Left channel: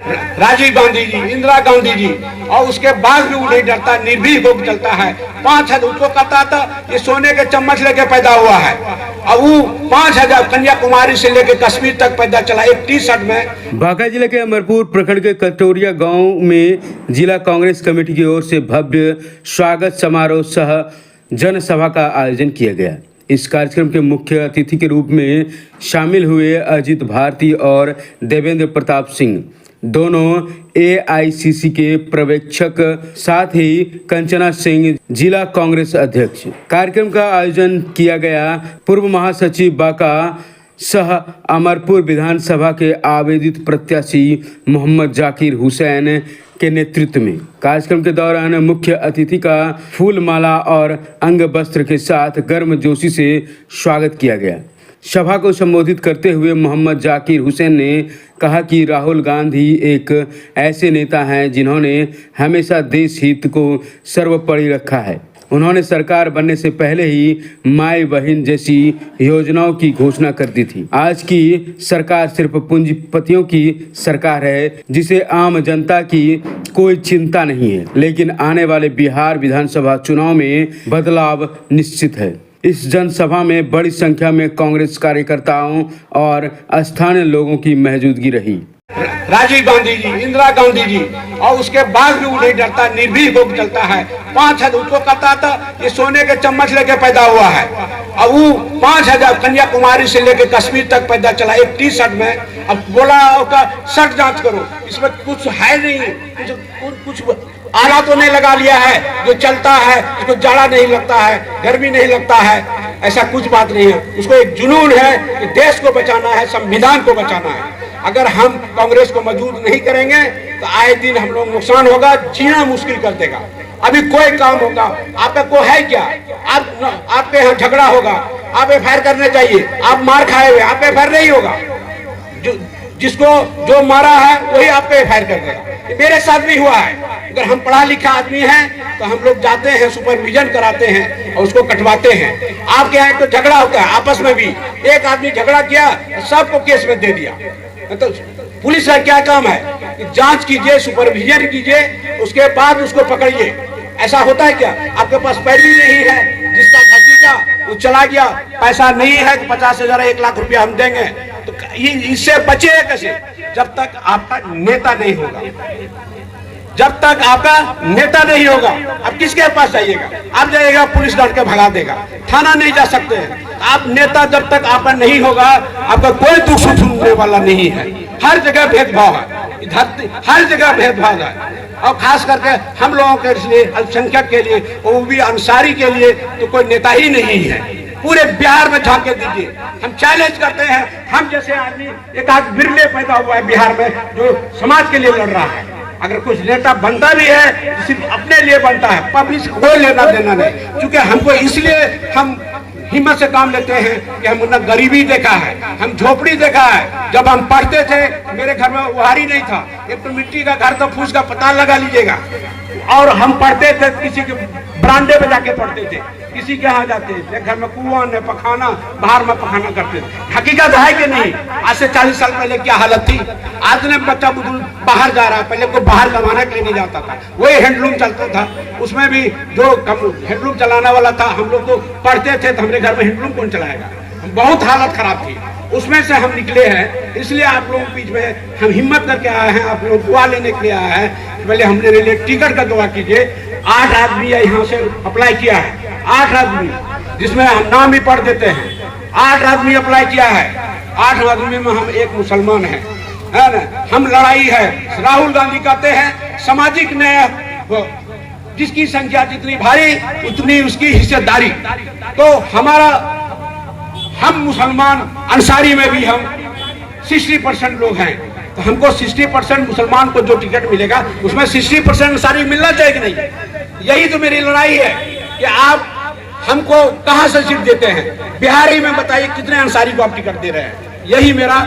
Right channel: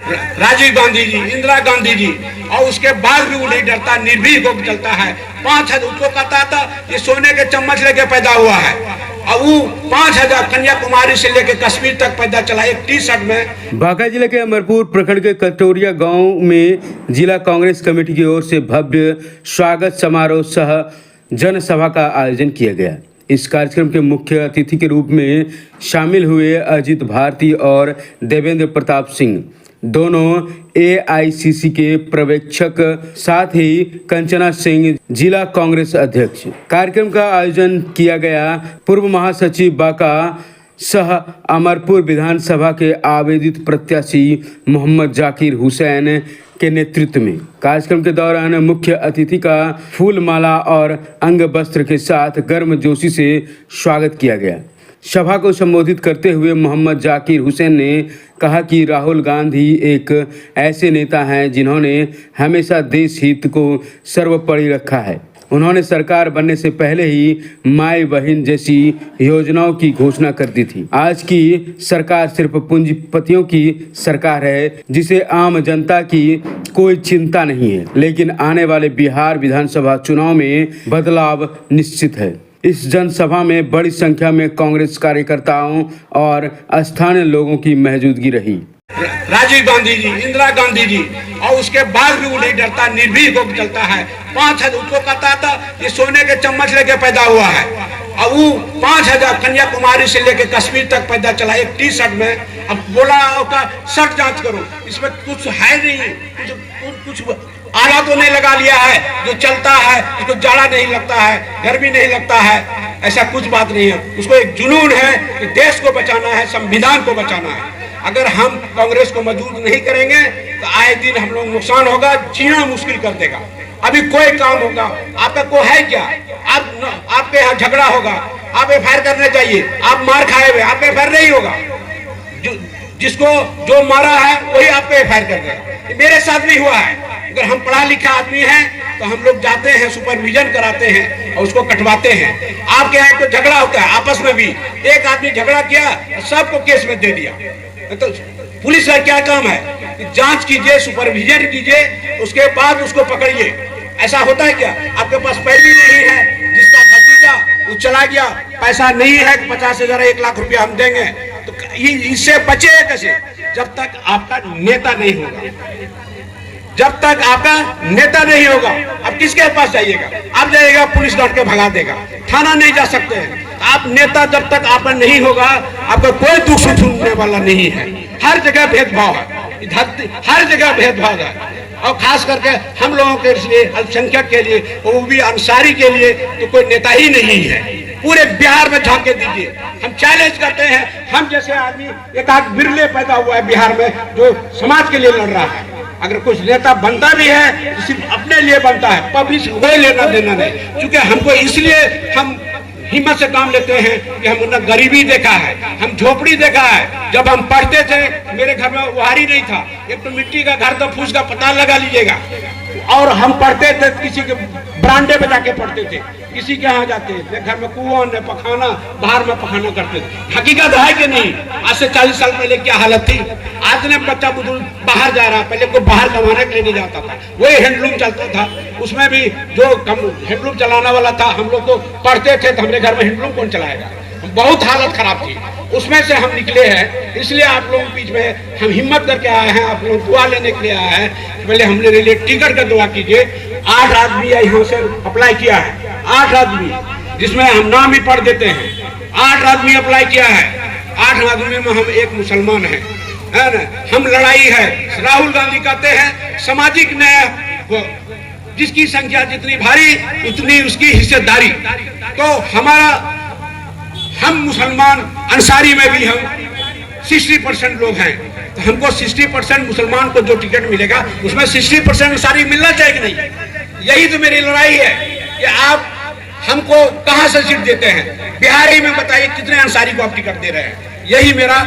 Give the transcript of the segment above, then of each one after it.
राजीव गांधी जी, इंदिरा गांधी जी, और उसके बाद भी वो नहीं डरता, निर्भीक होकर चलता है। 5,000 उसको कहता था ये सोने के चम्मच लेके पैदा हुआ है, अब वो 5,000 कन्याकुमारी से लेके कश्मीर तक पैदा चला एक टी शर्ट में। बांका जिले के अमरपुर प्रखंड के कटोरिया गांव में जिला कांग्रेस कमेटी की ओर से भव्य स्वागत समारोह सह जनसभा का आयोजन किया गया। इस कार्यक्रम के मुख्य अतिथि के रूप में शामिल हुए अजित भारती और देवेंद्र प्रताप सिंह, दोनों एआईसीसी के पर्यवेक्षक, साथ ही कंचना सिंह जिला कांग्रेस अध्यक्ष। कार्यक्रम का आयोजन किया गया पूर्व महासचिव बांका सह अमरपुर विधानसभा के आवेदित प्रत्याशी मोहम्मद जाकिर हुसैन के नेतृत्व में। कार्यक्रम के दौरान मुख्य अतिथि का फूल माला और अंग वस्त्र के साथ गर्मजोशी से स्वागत किया गया। सभा को संबोधित करते हुए मोहम्मद जाकिर हुसैन ने कहा कि राहुल गांधी एक ऐसे नेता हैं जिन्होंने हमेशा देश हित को सर्वोपरि रखा है। उन्होंने सरकार बनने से पहले ही माई बहन जैसी योजनाओं की घोषणा कर दी थी। आज की सरकार सिर्फ पूंजीपतियों की सरकार है, जिसे आम जनता की कोई चिंता नहीं है। लेकिन आने वाले बिहार विधानसभा चुनाव में बदलाव निश्चित है। इस जनसभा में बड़ी संख्या में कांग्रेस कार्यकर्ताओं और स्थानीय लोगों की मौजूदगी रही। राजीव गांधी जी, इंदिरा गांधी जी, और उसके बाद भी वो नहीं डरता, निर्भीक होकर चलता है। 5,000 उसको कहता था ये सोने के चम्मच लेके पैदा हुआ है, अब वो 5,000 कन्याकुमारी से लेके कश्मीर तक पैदा चला एक टी शर्ट में। अब बोला उसका शर्ट जांच करो, इसमें कुछ है नहीं, कुछ आला तो नहीं लगा लिया है जो चलता है, उसको जाड़ा नहीं लगता है, गर्मी नहीं लगता है, ऐसा कुछ बात नहीं है। उसको एक जुनून है कि देश को बचाना है, संविधान को बचाना है। अगर हम कांग्रेस को मजबूत नहीं करेंगे तो आए दिन हम लोग नुकसान होगा, जीना मुश्किल कर देगा। अभी कोई काम होगा, आपका को है क्या? आपके यहाँ झगड़ा होगा, आप एफआईआर करने चाहिए, आप मार खाए हुए, आप एफआईआर नहीं होगा। जिसको जो मारा है वही आपको एफआईआर कर देगा। मेरे साथ भी हुआ है। अगर हम पढ़ा लिखा आदमी हैं तो हम लोग जाते हैं, सुपरविजन कराते हैं और उसको कटवाते हैं। आपके यहाँ तो झगड़ा होता है आपस में भी, एक आदमी झगड़ा किया सबको केस में दे दिया। तो पुलिस का क्या काम है कि जांच कीजिए, सुपरविजन कीजिए, उसके बाद उसको पकड़िए। ऐसा होता है क्या? आपके पास पैरवी नहीं है, जिसका भतीजा वो चला गया, पैसा नहीं है, 50,000 1 लाख रुपया हम देंगे, तो ये इससे बचे कैसे? जब तक आपका नेता नहीं होगा, जब तक आपका नेता नहीं होगा। अब किसके पास जाइएगा? आप जाइएगा, पुलिस लड़ के भगा देगा, थाना नहीं जा सकते हैं। आप नेता जब तक आपका नहीं होगा, आपका कोई दुख सुनने वाला नहीं है। हर जगह भेदभाव है, धरती हर जगह भेदभाव है, और खास करके हम लोगों के लिए, अल्पसंख्यक के लिए, वो भी अंसारी के लिए तो कोई नेता ही नहीं है। पूरे बिहार में झांके दीजिए, हम चैलेंज करते हैं। हम जैसे आदमी एक आध बिरले पैदा हुआ है बिहार में जो समाज के लिए लड़ रहा है। अगर कुछ नेता बनता भी है तो सिर्फ अपने लिए बनता है, पब्लिक को कोई लेना देना नहीं। क्योंकि हमको इसलिए हम हिम्मत से काम लेते हैं कि हमने गरीबी देखा है, हम झोपड़ी देखा है। जब हम पढ़ते थे, मेरे घर में उहारी नहीं था, एक तो मिट्टी का घर था, फूस का पता लगा लीजिएगा। और हम पढ़ते थे, किसी के बरामदे में जाके पढ़ते थे, किसी के यहाँ जाते थे, घर में कुआं ने पखाना, बाहर में पखाना करते थे। हकीकत है कि नहीं? आज से 40 साल पहले क्या हालत थी? आज ने बच्चा बुजुर्ग बाहर जा रहा है, पहले को बाहर कमाने के लिए नहीं जाता था, वही हैंडलूम चलता था। उसमें भी जो हैंडलूम चलाने वाला था, हम लोग तो पढ़ते थे तो हमारे घर में हैंडलूम कौन चलाएगा? बहुत हालत खराब थी, उसमें से हम निकले हैं। इसलिए आप लोगों के बीच में हम हिम्मत करके आए हैं, आप लोग दुआ लेने के लिए आए हैं। पहले हम लोग के लिए टिकट का दुआ कीजिए। 8 आदमी यहाँ से अप्लाई किया है, 8 आदमी, जिसमें हम नाम भी पढ़ देते हैं। 8 आदमी अप्लाई किया है, 8 आदमी में हम एक मुसलमान है ना। हम लड़ाई है, राहुल गांधी कहते हैं सामाजिक न्याय, जिसकी संख्या जितनी भारी उतनी उसकी हिस्सेदारी। तो हमारा, हम मुसलमान अंसारी में भी हम 60% लोग हैं, तो हमको 60% मुसलमान को जो टिकट मिलेगा उसमें 60% अंसारी मिलना चाहिए कि नहीं? यही तो मेरी लड़ाई है कि आप हमको कहां से सीट देते हैं? बिहार ही में बताइए कितने अंसारी को आप टिकट दे रहे हैं? यही मेरा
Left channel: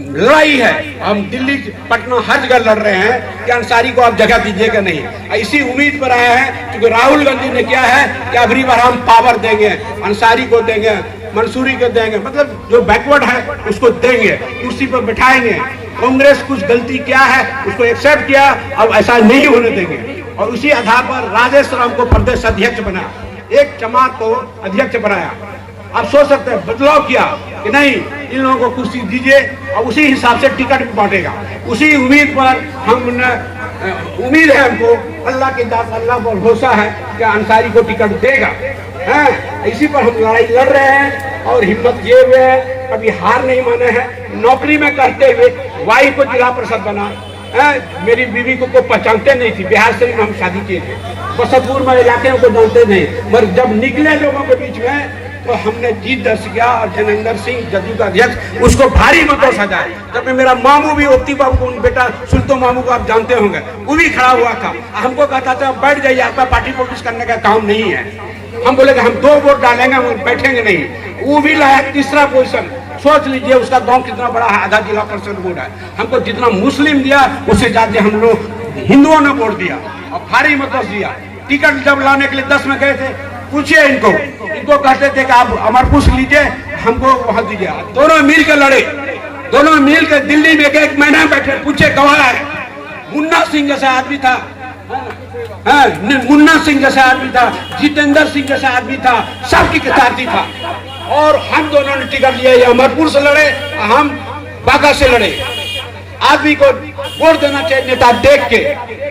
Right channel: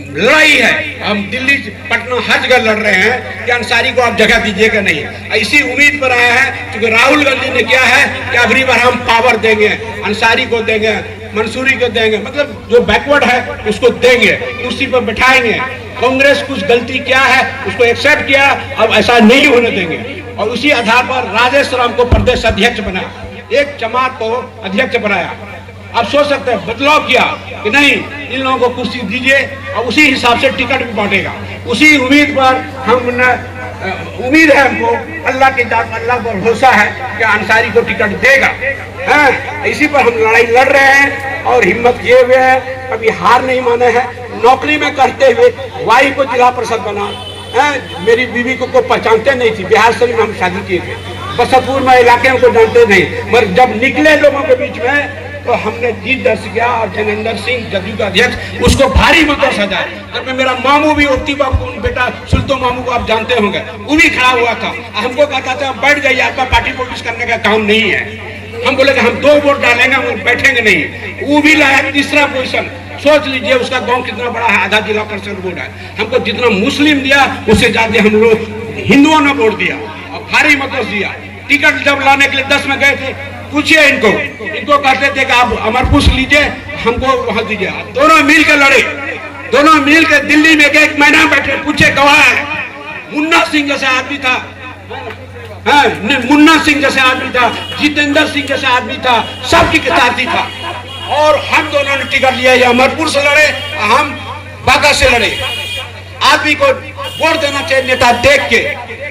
लड़ाई है। हम दिल्ली, पटना, हर जगह लड़ रहे हैं कि अंसारी को आप जगह दीजिएगा नहीं। इसी उम्मीद पर आए हैं क्योंकि राहुल गांधी ने क्या है कि अगली बार हम पावर देंगे, अंसारी को देंगे, मंसूरी को देंगे, मतलब जो बैकवर्ड है उसको देंगे, कुर्सी पर बैठाएंगे। कांग्रेस कुछ गलती किया है उसको एक्सेप्ट किया, अब ऐसा नहीं होने देंगे। और उसी आधार पर राजेश राम को प्रदेश अध्यक्ष बनाया, एक जमात को अध्यक्ष बनाया। आप सोच सकते हैं बदलाव किया कि नहीं इन लोगों को कुर्सी दीजिए और उसी हिसाब से टिकट भी बांटेगा। उसी उम्मीद पर हम उम्मीद है हमको, अल्लाह के साथ अल्लाह पर भरोसा है कि अंसारी को टिकट देगा। इसी पर हम लड़ाई लड़ रहे हैं और हिम्मत किए हुए हैं, कभी हार नहीं माने हैं। नौकरी में करते हुए वाई को जिला परिषद बना, मेरी बीवी को पहचानते नहीं थी, बिहार से हम शादी किए थे, बसतपुर में इलाके में को जानते नहीं, मगर जब निकले लोगों के बीच में तो हमने जीत दर्ज किया और जनेंद्र सिंह जदयू का अध्यक्ष उसको भारी मतों से सजाया। जब मेरा मामू भी ओती बाबू बेटा सुल्तो मामू को आप जानते होंगे, वो भी खड़ा हुआ था, हमको कहता था बैठ जाइए, आपका पार्टी पॉलिटिक्स करने का काम नहीं है। हम बोले कि हम 2 वोट डालेंगे, हम बैठेंगे नहीं। वो भी लाया तीसरा पोजीशन। सोच लीजिए उसका गांव कितना बड़ा है, आधा जिला परिषद वोट है। हमको जितना मुस्लिम दिया उससे ज्यादा हम लोग हिंदुओं ने वोट दिया और भारी मतों से दिया। टिकट जब लाने के लिए 10 में गए थे, पूछिए इनको कहते थे कि आप अमरपुर लीजिए, हमको वहां दीजिए। दोनों मिल के लड़े, दोनों मिल के दिल्ली में एक महीना बैठे, पूछे कौन है। मुन्ना सिंह जैसा आदमी था, मुन्ना सिंह जैसा आदमी था, जितेंद्र सिंह जैसा आदमी था, सबकी साथी था। और हम दोनों ने टिकट लिया, ये अमरपुर से लड़े, हम बांका से लड़े। आदमी को वोट देना चाहिए नेता देख के,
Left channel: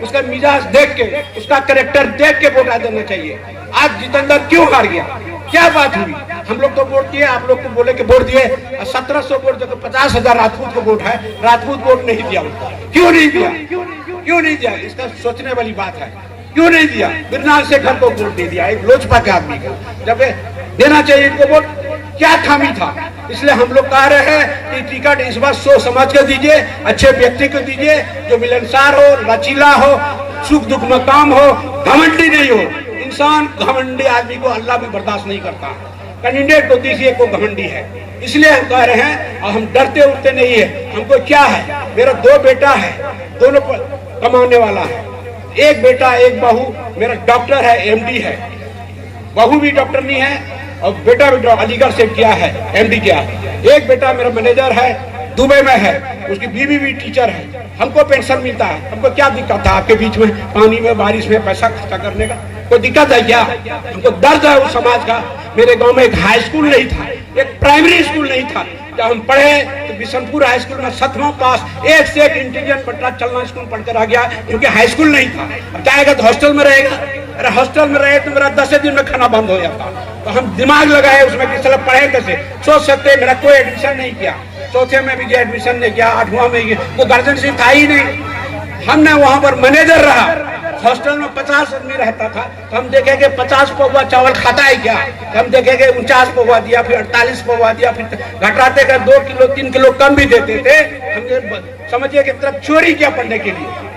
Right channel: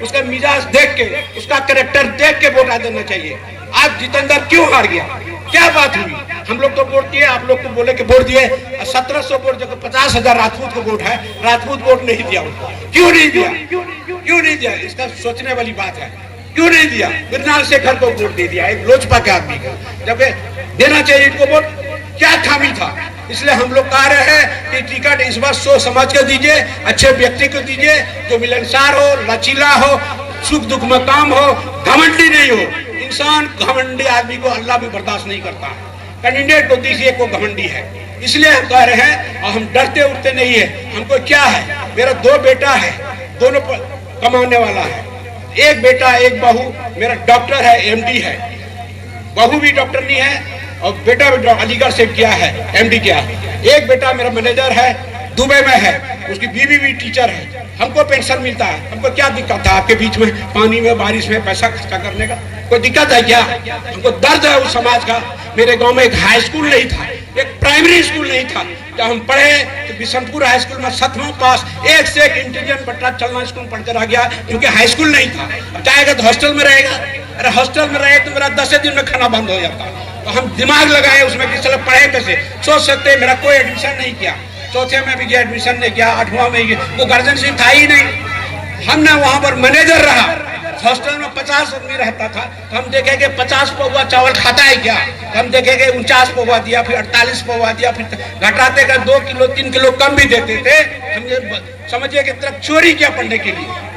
उसका मिजाज देख के, उसका कैरेक्टर देख के वोट देना चाहिए। आज जितेंद्र क्यों हार गया, क्या बात हुई? हम लोग तो वोट दिए, आप लोग तो बोले कि वोट दिए। 1700 वोट जब 50,000 राजपूत को वोट है, राजपूत वोट नहीं दिया। क्यों नहीं दिया? क्यों नहीं दिया? इसका सोचने वाली बात है। क्यों नहीं दिया? मृणाल शेखर को वोट दे दिया, एक लोजपा के आदमी को, जब देना चाहिए इनको वोट। क्या खामी था? इसलिए हम लोग कह रहे हैं कि टिकट इस बार सोच समझ कर दीजिए, अच्छे व्यक्ति को दीजिए, जो मिलनसार हो, लचीला हो, सुख दुख में काम हो, घमंडी नहीं हो। इंसान घमंडी आदमी को अल्लाह भी बर्दाश्त नहीं करता। कैंडिडेट को दीजिए को घमंडी है। इसलिए हम कह रहे हैं, और हम डरते उठते नहीं है। हमको क्या है, मेरा 2 बेटा है, दोनों कमाने वाला है। एक बेटा एक बहू, मेरा डॉक्टर है, एमडी है। बहू भी डॉक्टर नहीं है और बेटा भी अलीगढ़ से किया है, एमडी किया है। एक बेटा मेरा मैनेजर है, दुबई में है, उसकी बीवी भी टीचर है। हमको पेंशन मिलता है। हमको क्या दिक्कत था आपके बीच में पानी में बारिश में पैसा खर्चा करने का? कोई दिक्कत है क्या? हमको दर्द है उस समाज का। मेरे गांव में एक हाई स्कूल नहीं था, एक प्राइमरी स्कूल नहीं था। जब हम पढ़े तो बिशनपुर हाई स्कूल में 7वां पास, एक से एक इंटेलिजेंट बच्चा चलना स्कूल पढ़कर आ गया, क्योंकि हाई स्कूल नहीं था। जाएगा तो हॉस्टल में रहेगा। अरे हॉस्टल में रहे तो मेरा 10 दिन में खाना बंद हो जाता। तो हम दिमाग लगाए उसमें कि चलो पढ़े कैसे। सोच सकते मेरा कोई एडमिशन नहीं किया, चौथे में भी गया एडमिशन नहीं किया, 8वां में गया, तो गार्जियन सिंह था ही नहीं। हमने वहां पर मैनेजर रहा। हॉस्टल में 50 आदमी रहता था, तो हम देखेंगे 50 पौवा चावल खाता है क्या? तो हम देखेंगे 49 पौवा दिया, फिर 48 पौवा दिया, फिर घटाते का 2 किलो 3 किलो कम भी देते थे। हम ये समझिए कि तरफ चोरी किया पढ़ने के लिए।